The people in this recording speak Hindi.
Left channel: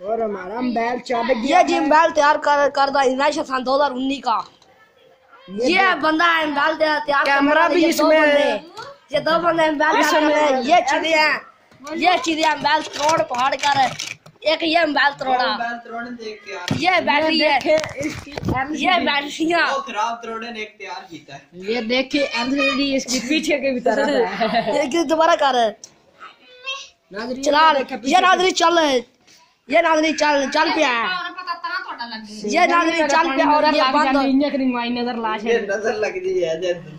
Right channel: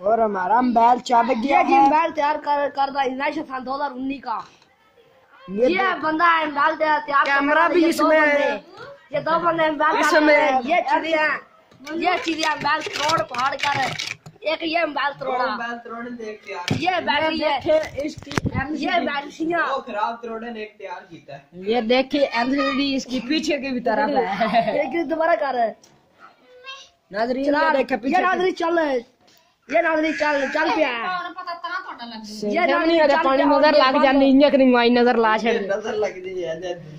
और हमारा बैल चाबे गया जी। बैल तैयार करदा इनाश सन 2019 का। ये बंदा है बैल तैयार कैमरा भी इसमें ये 2 बंदे बैल इसमें ये चिड़िया बैल तोड़ पहाड़ कर एक ये बैल तोड़ा ये बैटरी है इसकी ये बैटरियां वो खराब तोड़े ने एक तैयार कीता है। ये देखिए एलसीडी इसके पीछे के भी तरह है। ये दोबारा कर नाजरी चला ये नाजरी चल ये नाजरी चल पिया ये नाजरी चल पिया नजर लग जानी इंजन माई नजर ला छे नजर लग दी है।